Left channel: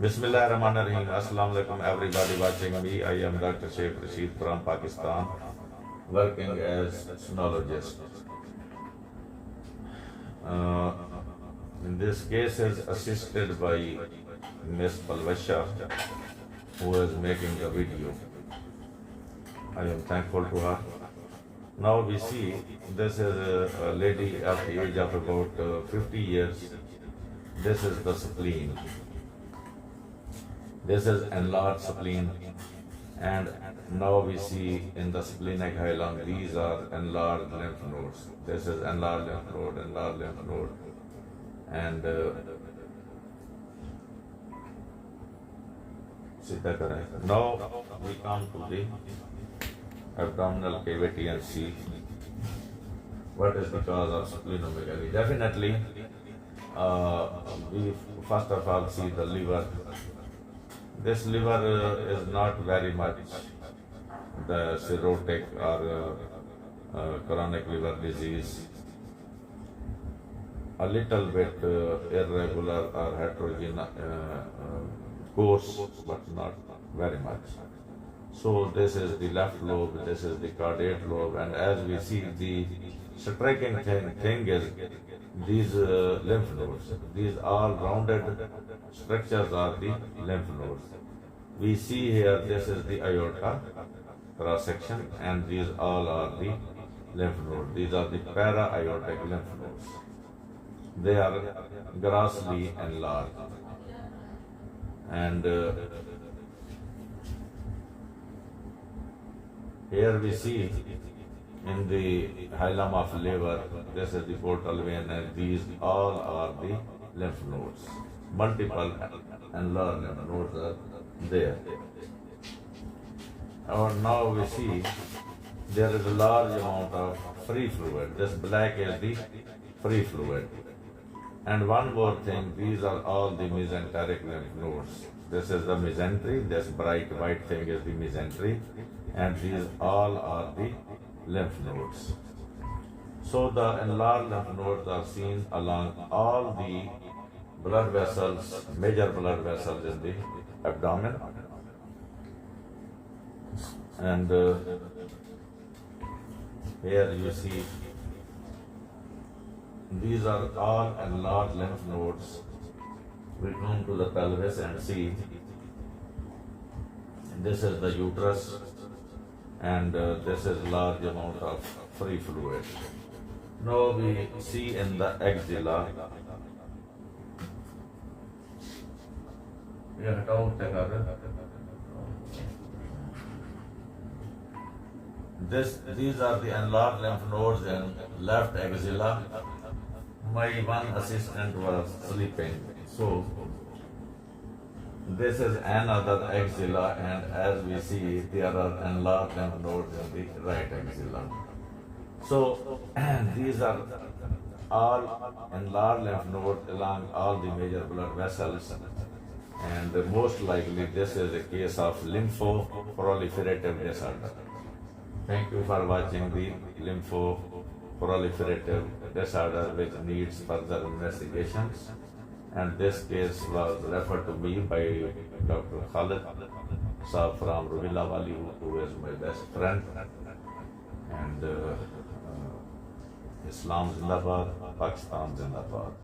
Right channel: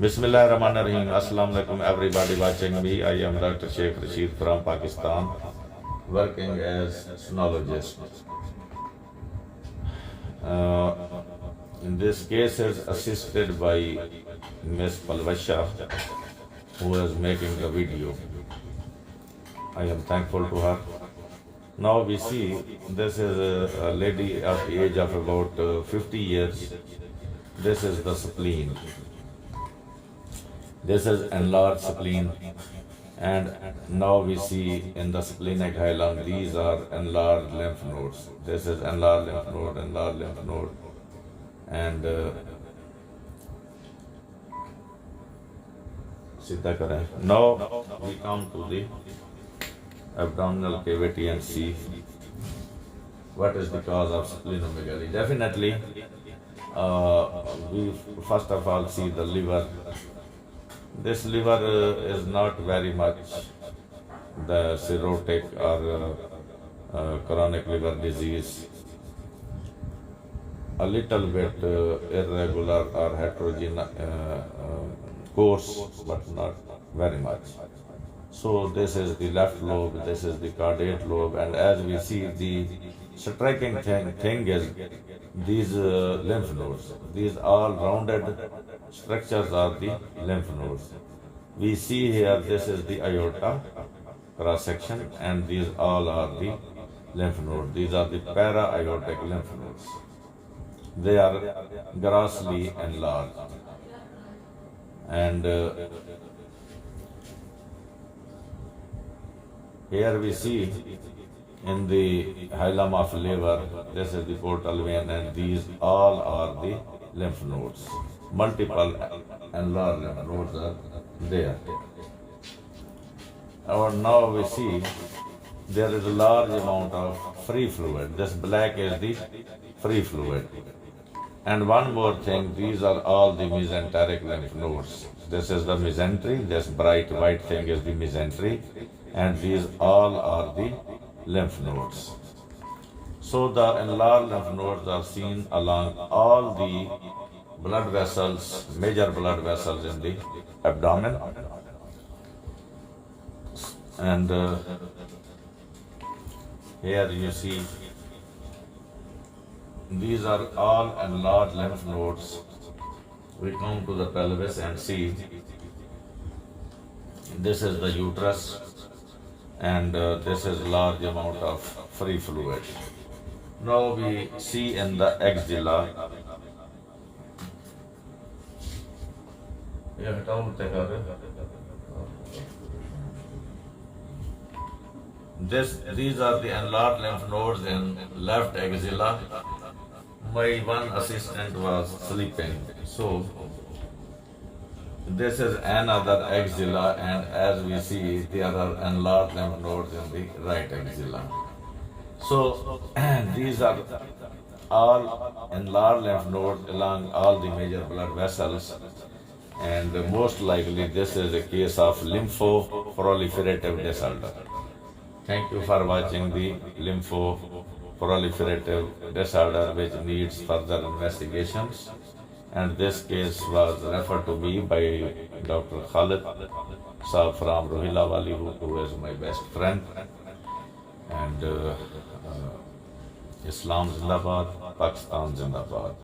Bismillahirrahmanirrahim. Assalamu alaikum everybody watching me. I am Dr. Sheikh Rasheed from Pakistan, working as sonologist. Uh, in this case is assisted by Miss Palvasha, who is making the video. I am thankful to her. Now we see this is a lady at the age of about 50 years. This is the spleen. This is enlarged spleen, and now we see in the splenic hilum these are enlarged lymph nodes. This is enlarged lymph node, and now we come to the abdominal cavity and see what is the cause of splenomegaly. Definitely, we first of all see the liver. This liver is not very much the cirrhotic or chronic liver disease. A little bit irregular or heterogeneous course, but not very much. So this is the left lobe, this is the caudate lobe, and as we see, the striking thing is these lymph nodes. These all rounded structures are the lymph nodes. We see here this is the aorta cross section, and these all are the lymph nodes. These are the para-aortic lymph nodes. They are grossly enlarged, and here we see in the hilum of liver, this is the portal vein, and these all are the lymph nodes. Multiple enlarged lymph nodes are there. And now we see there is a large amount of free fluid. This black is the free fluid. And one more thing, these are all the mesenteric lymph nodes. This is the mesentery, this bright white thing is the mesentery, and these all are the lymph nodes. So the enlarged lymph nodes are seen along all the blood vessels, major blood vessels in the abdomen. And here you see these are all enlarged lymph nodes. We come to the pelvis and see this is the uterus, and this is large amount of free fluid. Now we see in the axilla. These are the enlarged lymph nodes in left axilla. My one assistant was sleeping, so this is another axilla, and as we see, there are enlarged lymph nodes in the right axilla. So these are all enlarged lymph nodes along all the major blood vessels, and most likely this is a case of lymphoproliferative disorder. Thank you for watching the lymphoproliferative disorder, which needs further investigations. And this case was referred to me by Dr. Khalid Saab from Rohila Wali, who is my best friend. And Islam Zindabad, Pakistan Zindabad.